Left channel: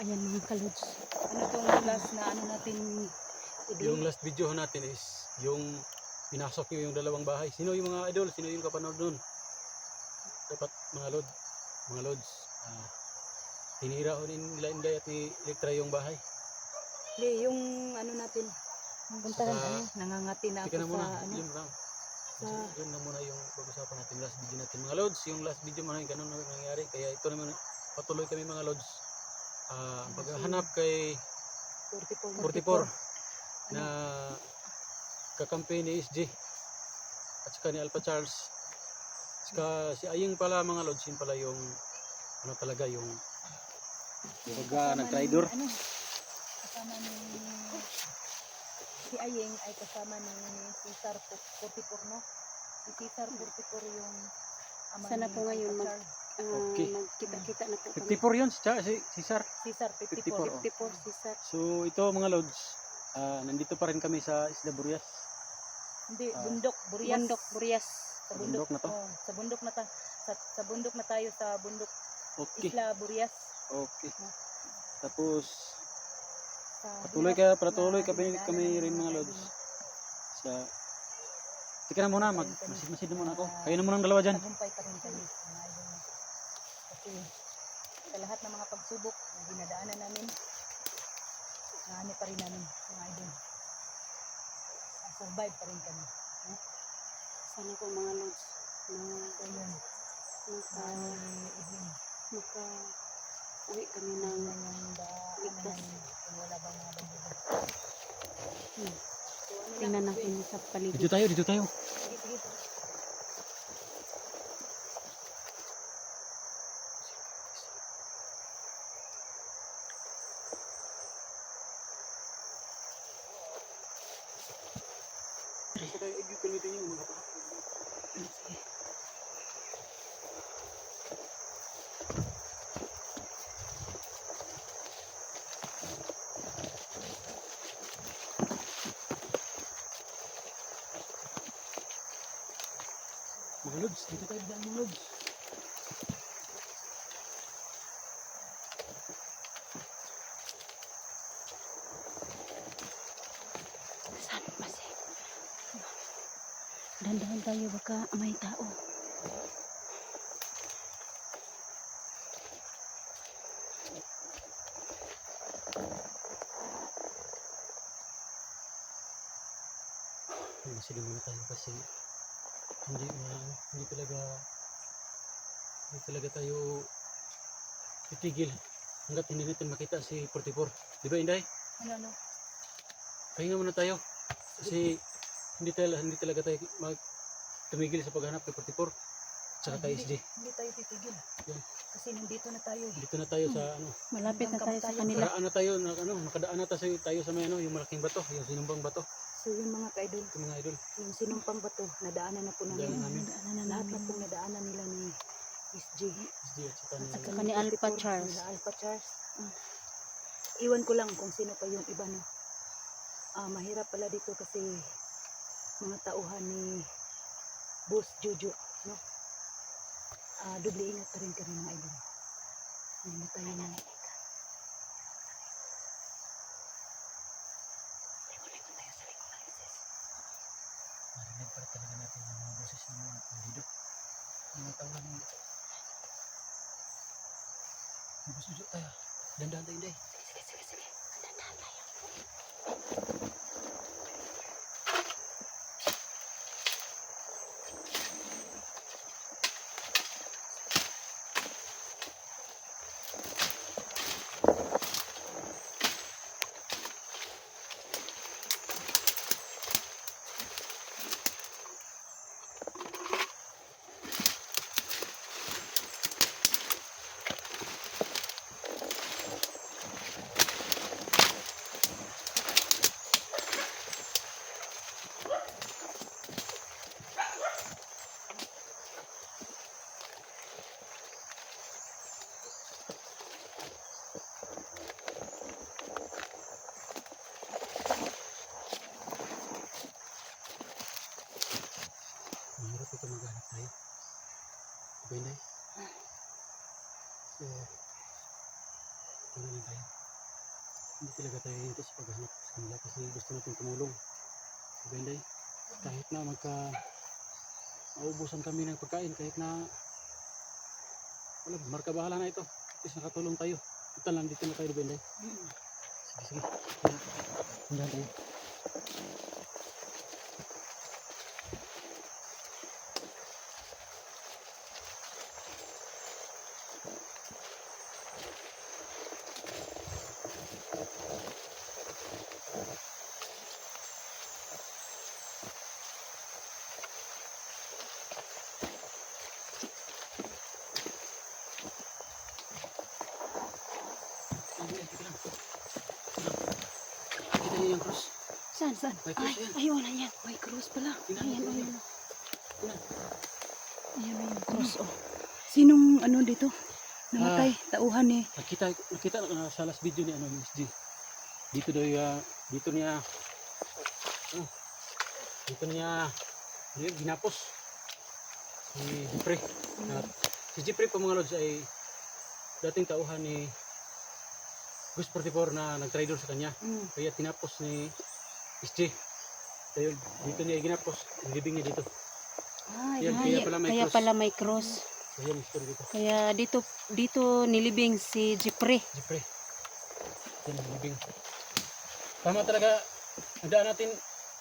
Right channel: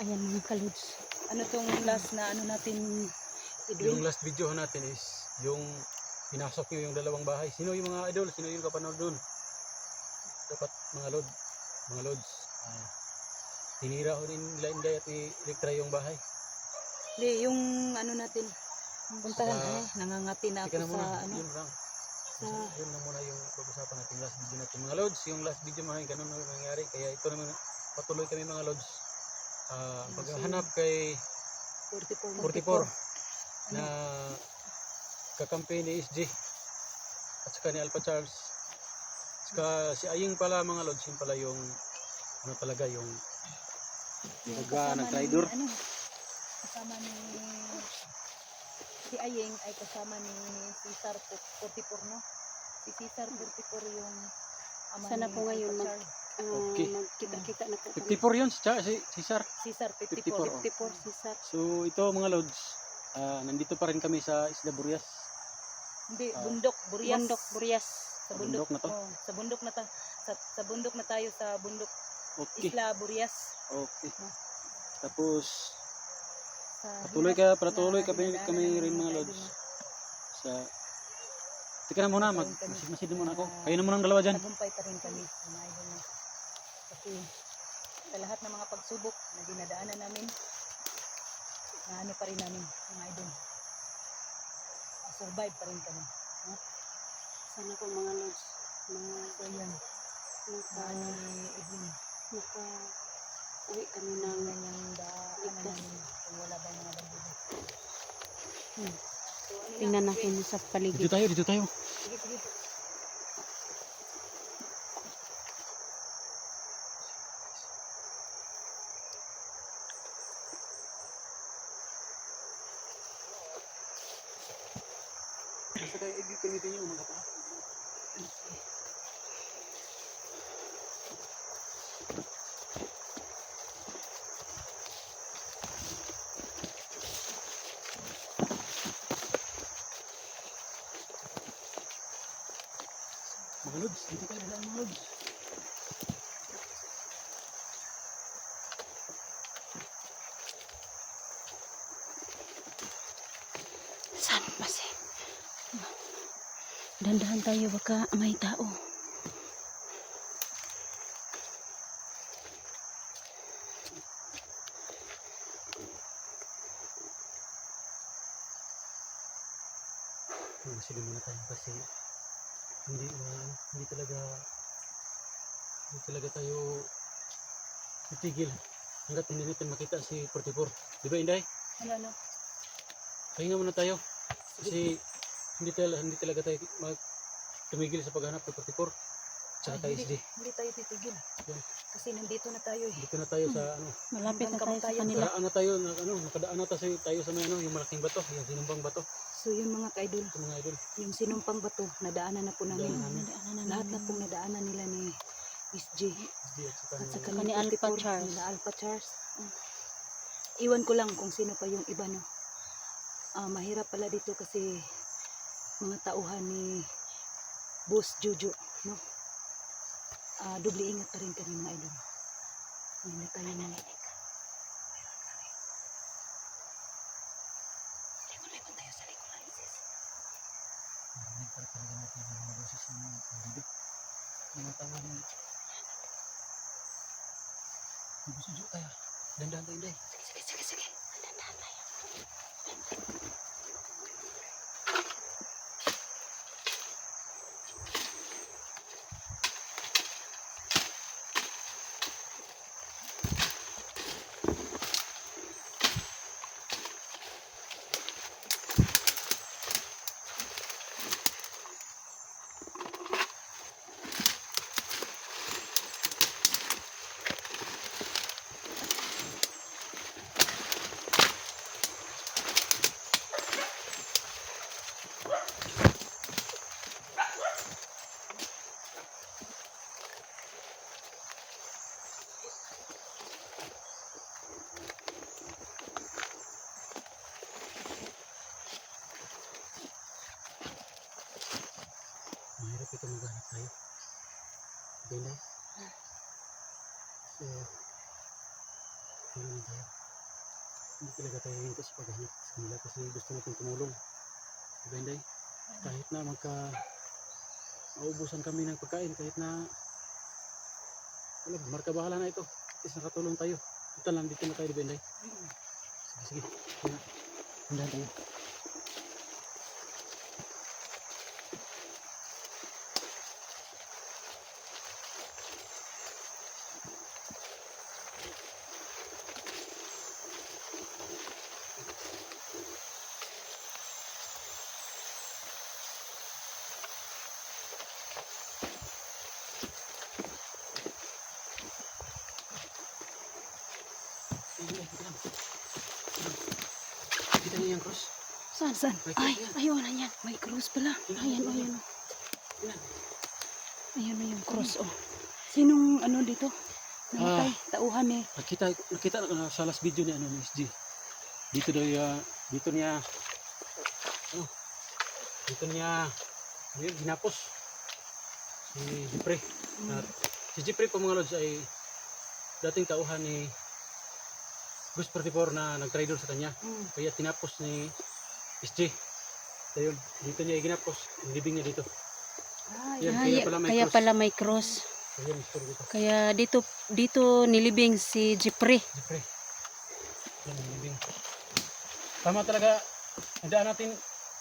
Ayan mga kalods. Ano tong last na ano natin? Yung last video natin is yung pinasok nyo yung dalawang bahay. Sino yung mga idol? Sino yung kapanood nun? Dapat mga lods, tinira ko rin nila Inday at ni Elektra yung bahay. Hindi, yung ano natin. Punta lang nangangati na Tika ako na muna, sa ano. yun lang. Yun lang muna yung pag-usapan natin last video natin. Mga lods, yung last video mo ganun na nangyari. Kaya ito naman, patuloy kami mga lods. Paghahanap kay 44 na kakampi ni SG at saka ni Alpha Charles. Saka si Aying pala mga lods, yun pala yung ano talaga yung nag-traitor. Kasama ni si Aying ay kasama ni Cesar 44, no? Si Cesar 44 yung ama Sana ni po ngayon Cesar. Okay. magkita-kita na po kami. 54 yun, si Cesar. Cesar 54. 54. 54 si Sir. So ito mga lods, nandito pa rin kami sa Isla Burias. Hindi, bundok, Burias. Bundok, Burias. Sa bundok na to? Oh, sa bundok na sa bundok na tayo sa bundok. Okay. Isla Burias. Okay. Tapos Sa patuloy kami rin mga lods. Sa Tika na muna, masid muna ako. Kayo na muna ang dalawa dyan. Tagumpay pa rin kami, mga idol na. Kasi sa lahat ng mga pagsubok na dinadaanan namin, na ano pa rin namin, mga idol. Survive pa rin kami. No? Sana po mga lods. So yun, Maka uwi kami ng ligtas. kung wala bang mga bandido. Tingnan natin sa paligid. Dito tayo. Sige, sige. Basta kayo gamitin nyo mga kapatid. Mga lods, dito tayo mga lods. Saan kasi? Dandahan tayo baka may tao. Sila muna tayo kasi hindi talaga tayo titigil hanggat hindi natin makita si 44. Di ba Inday? Ano? Pahinga muna tayo kasi hindi talaga tayo tumigil sa paghanap kay 44 at saka kay SD. Hindi tayo titigil. Yan. Kasi nandito na tayo eh. Dito na tayo sa Malapit na tayo sa kanila. nakadaan na tayo sa may yung malaking bato, yung sinumpang bato. So yun mga ka-idol, Ito mga idol. yung sinumpang bato, nadaanan na po namin. Nadaanan na Lahat namin. na pong nadaanan nila ni SG. SD at saka At saka ni Alpha Charles. Ni Alpha Charles. Iwan ko lang kung sino pa yung iba, no. Mahirap pala dito kasi mga tauhan ni Boss Jojo, no. Doble ingat pa rin kami mga idol. Hindi na tayo na. Limon tayo sa likuran, sis. marinig para talaga natin yung mga boses ng mga bandido. Mga tawag ng suso tayo. Dandahan tayo, Inday. Sige. Dandahan tayo. Mahirap ito maghanap tayo. Diba, Inday? So, tingnan lang tayo. Hindi talaga tayo hinto sa paghanap sa kanila kasi gusto natin tumulong. Diba Inday? Kahit na maubusan kami ng pagkain, kahit na wala, marka bahala na ito. At least nakatulong tayo. Total lang dito na tayo, diba Inday? Sige, sige. Kaya, hindahan tayo. Kita niyo yung cross. Saan? May cross yan. Ayun, ayan. May cross pala. Ayan. Tingnan. Ayun na yung cross, oh. Sinong ano dito? Namatay, tauhan eh. Nakita sa last video ni ano ni SG. Dito niya ginapos si Jeffrey. At si Jeffrey po mga lods ay dating tauhan ni Gus 44 na nag-traitor sa kanya. Kaya tinapos ni SG. Ayun, dito niya ginapos, nilibing niya dito. Yan, Kaya pala may cross. So, yan, story dito. Kaya dito nilibing si Jeffrey. Jeffrey. Yan, nilibing. Tama talaga, nagdaan natin,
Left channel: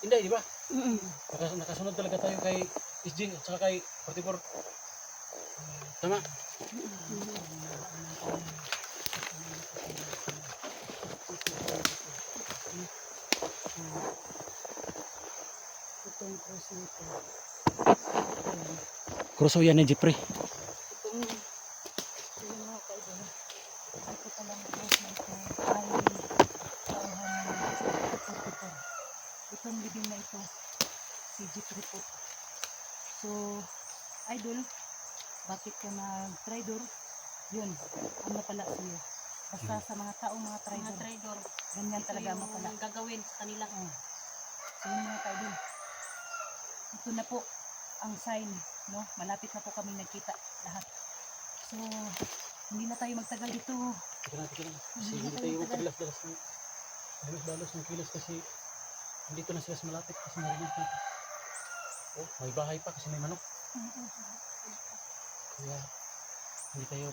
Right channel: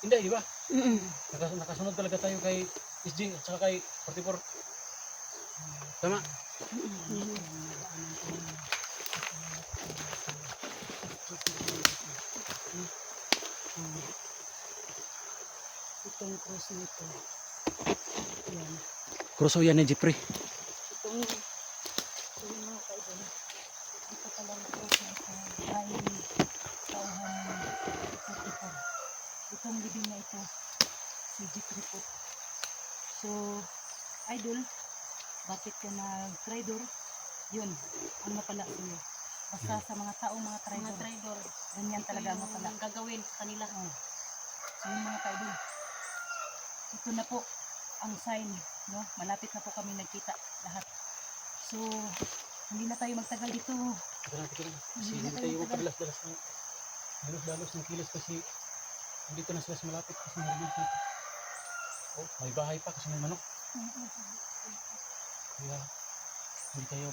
hindi, di ba? Nakasunod talaga tayo kay SG at saka kay 44. Tama? Ito yung cross nito. Ayan. Kroso yan ni Jeffrey. Ito yung mga kaibigan. Ito pala yung cross na ito ay tauhan ng 44. Itong libing na ito, si Jeffrey po. So, idol, bakit ka nag-traidor? Yun, ang napala sa'yo. Basta sa mga taong mga traidor, ganyan talaga ang mapala. Gagawin sa kanila. So yun mga kaidol, ito na po ang sign, no? Malapit na po kami nagkita lahat. So, hindi na tayo magtagal dito. Tika na. Kasi Hindi hindi na tayo tayo matagal. magpadalas-dalas ng dalos ng kilos kasi andito na sila sa malapit kasi narinig natin. Oh, may bahay pa kasi may manok. Kaya hindi tayo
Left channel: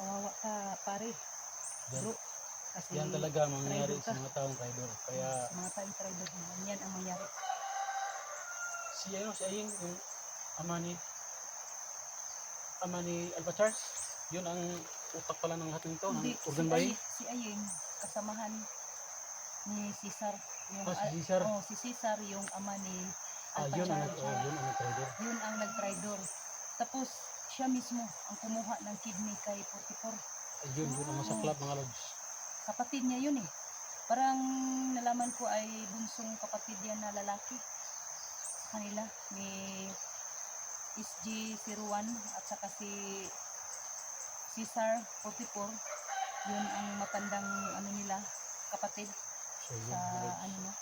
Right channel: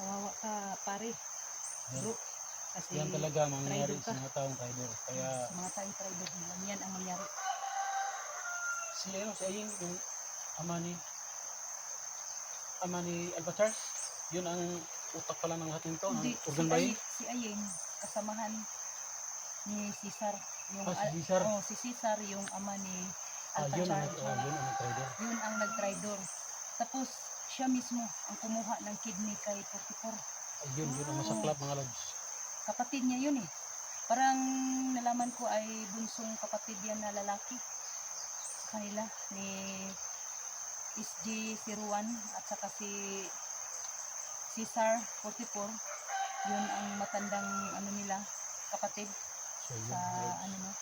Kawawa ka pare, yan, bro. Kasi yan talaga mangyayari traitor sa ka. mga taong traidor. Kaya sa mga taong traidor, yan ang mangyari. si Aying, yung ama ni Alba Charles, yun ang utak pala ng lahat nito, ng organ buying. Si Ayeng, kasamahan ni Cesar. Yung, Si Cesar. si Cesar, yung ama ni Alpha Yun ang Charles. yun ang traidor. Yun ang nag-traidor. Tapos, siya mismo ang kumuha ng kidney kay 44. Ayun ang masaklap mga lods. Kapatid niya yun eh. Parang nalaman ko ay bunsong kapatid yan na lalaki sa kanila ni SG01 at saka si Cesar 44. Yun ang matandang ano nila, kapatid So yun sa mga lods. ano no.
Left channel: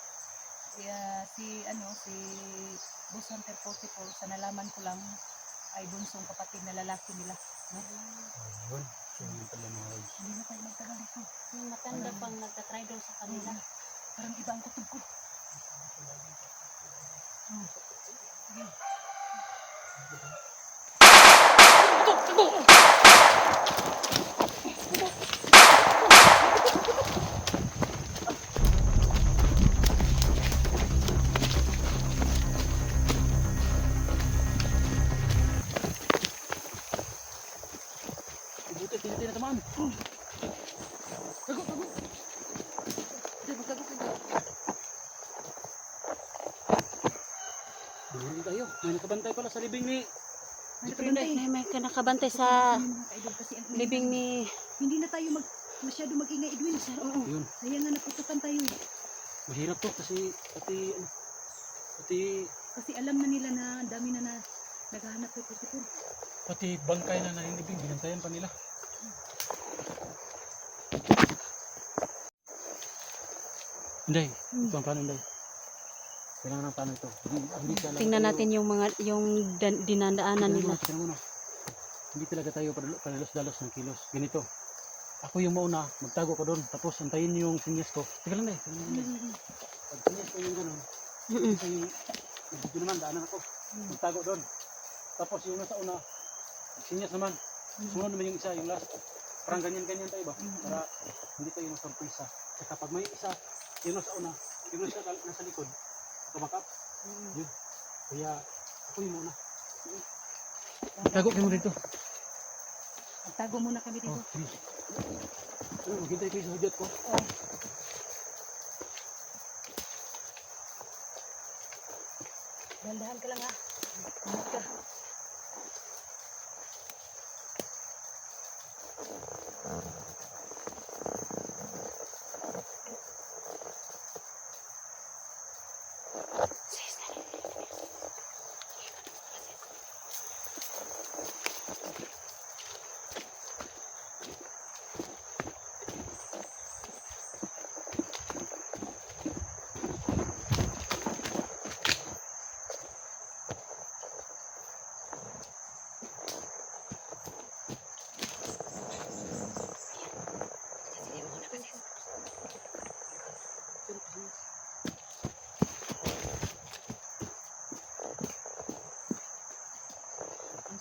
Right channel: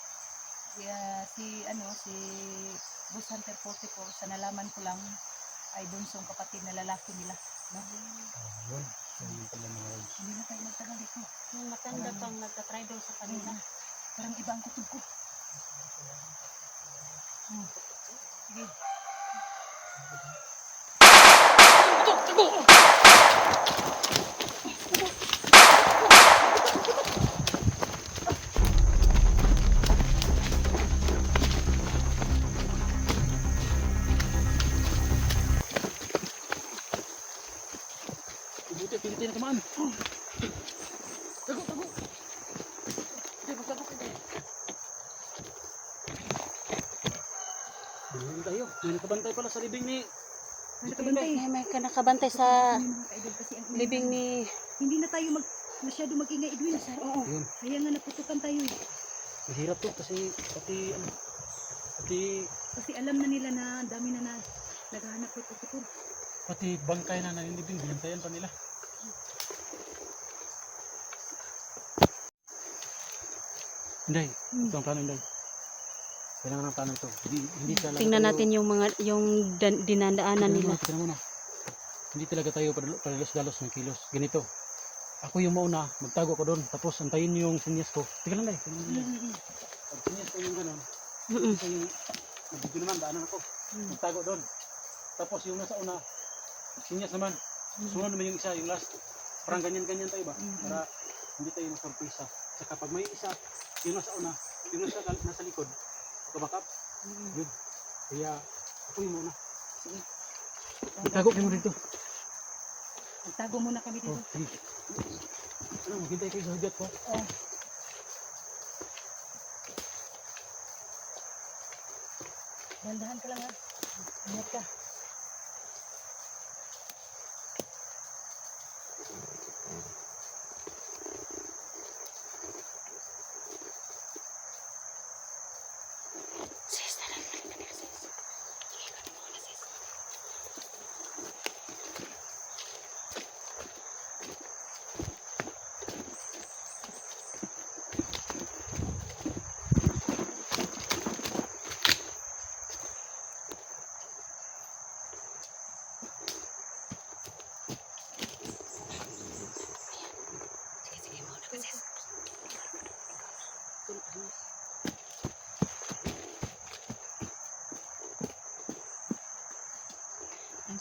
Si Boss Hunter 44 sa nalaman ko lang ay bunsong kapatid na lalaki nila, no? Yun. So yun pala mga lods. Hindi na tayo magtagal dito. Yung matanda pang nagtatraidor sa kanila. Parang iba ang kutob ko. Sige. Ibuti, pinitay na tamaan. Tago. Hindi, magtago kayo. Bumili tayo. May nakabantay pala sa libing ni... May nakabantay. May nakabantay sa Yung mga kaidol kasi ang libing ni... hindi na tayo masyado mag-ingay, Edwin. Oo. Yun. Kaya nga naputukan tayo eh. Mahirap to kasi pati Kasi alam na nila na ang dami na naghahanap kay 44. pati bangkay na naninibing, binantayan pa nila. Hindi. Ito ang plano, hindi. Kailangan ng plano ito. Hindi talaga Tingnan tayo- natin yung dinadaanan Tingnan nila. mo, tingnan mo na. Hindi talaga tayo padalos-dalos ng kilos. Ganito. ako yung mauna, magtago ko doon, tapos antayin niyo yung sinyas ko. Sige lang, Day. Pag sinyas ko yung gano'n, Mm-mm. ito yung nagbibi naman, daanan ako. Magtago doon. Tapos yung nasa una, sinyas naman. Sunod naman yung isa, yung last. Parang ganyan-ganyan tayo ba? Para hindi tayo masurpresa. Saka pag may isa, yung nasa una, yung nasa likod, makabakap. Yun. Kaya ako yung muna. Magtago kayo dito. Magtago muna kami dito. Oh, sige. Ano, maghintay kayo sa hudyat ko. Dahan-dahan ka lang ha. Ingat ka.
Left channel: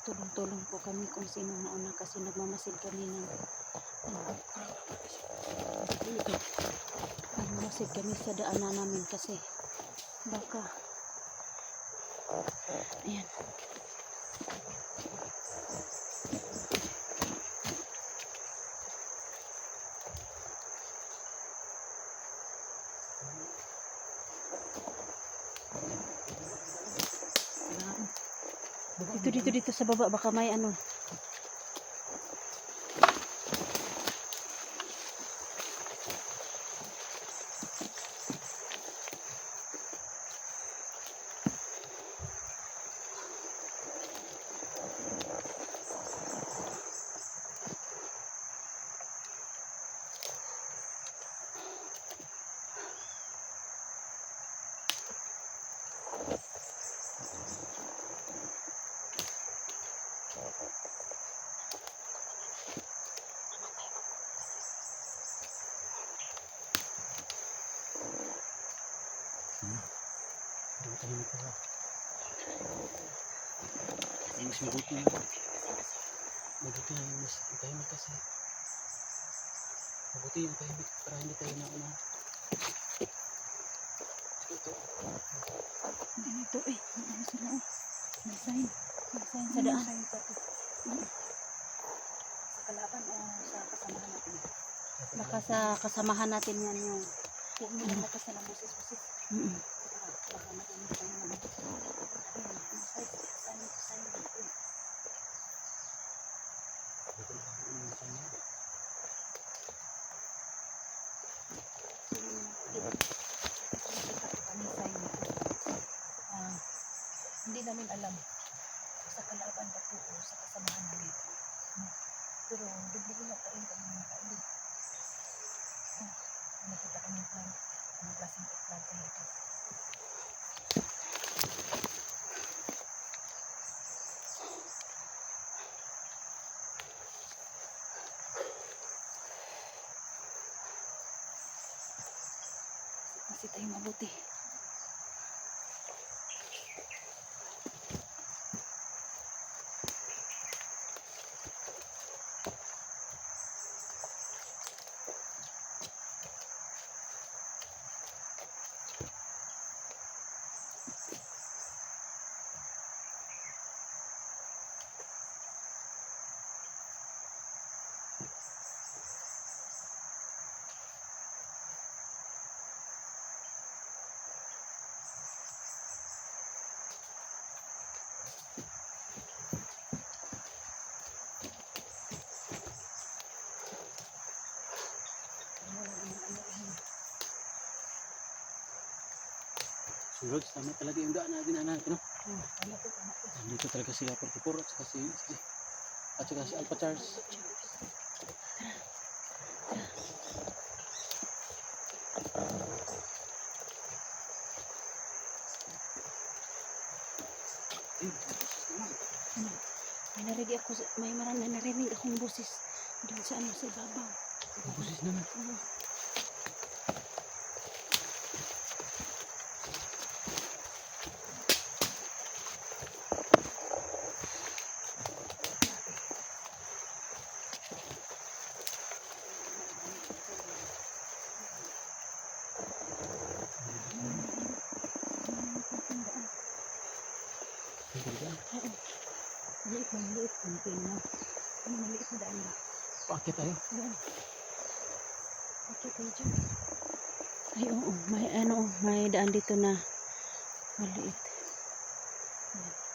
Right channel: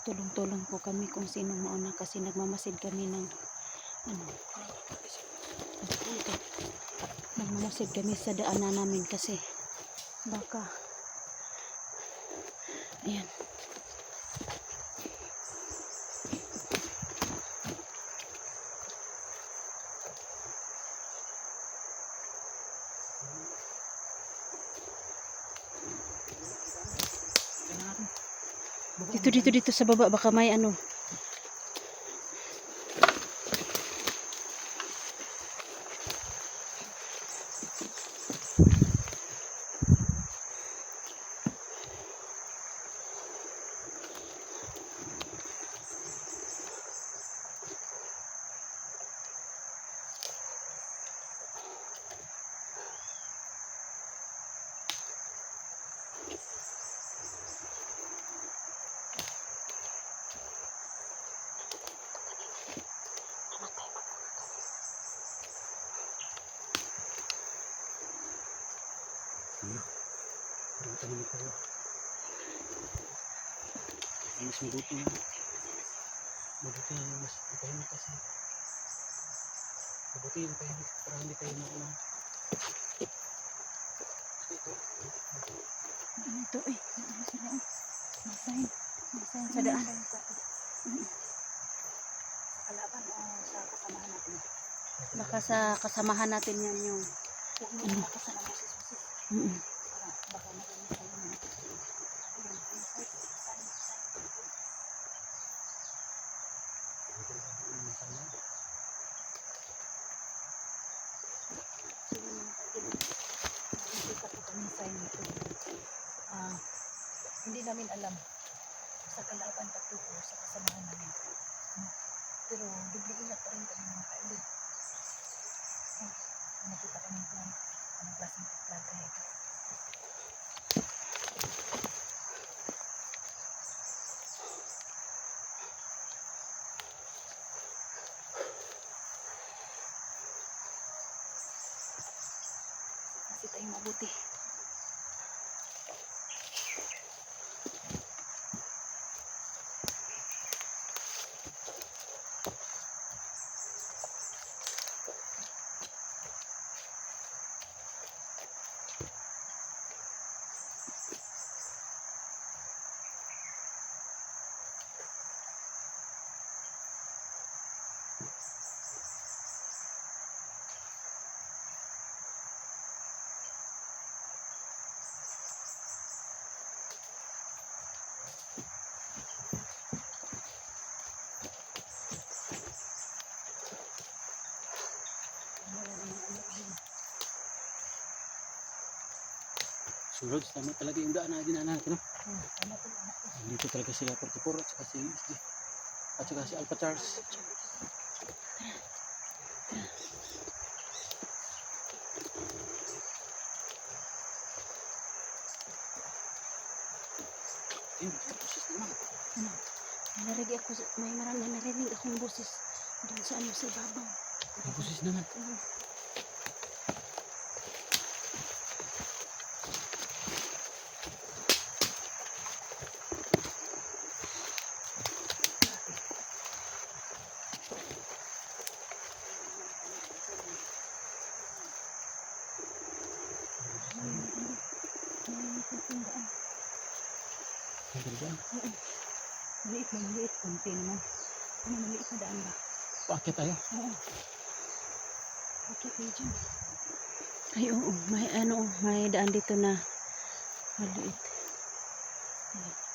Tulong-tulong po kami kung sino mauna kasi nagmamasid kami ng nagmamasid kami sa daanan namin kasi baka ayan. Dito sa baba baka may ano. Mas mabuti na. Mabuti na mas tahimik kasi. Mabuti yung tahimik para hindi tayo mauna. Ito. Ito eh. Ano sila oh. May sign. May sign sa daan. Sa kalaban o sa kasamahan natin. Baka sa kasamahan natin yan yung Huwag mo lang ako sa namasis-masis. Baka magamis tayo naman. Ayan. May sign. Sign dito. Nakikita ko kami sign nito. Hindi namin alam sa kalaban patuko sa kasamahan namin. Pero dubli-ingat pa rin kami mga kailid. Nakita kami plan. Anong klaseng plan kaya ito? Kasi tayong mabuti. Sunod, tama talaga yung daan na dinaanan natin, no? Tama to. Dito talaga sila 44 at saka si Alpha Charles. May narinig akong boses doon sa ano sa ibabaw. Busis naman. Maliit lang, maliit. Kunti naman. Ano, maliit na daan ba? Paakit tayo. Oo. Okay, tayo dyan. Ay, oo. May ano, may daan dito na maliit. Ayan.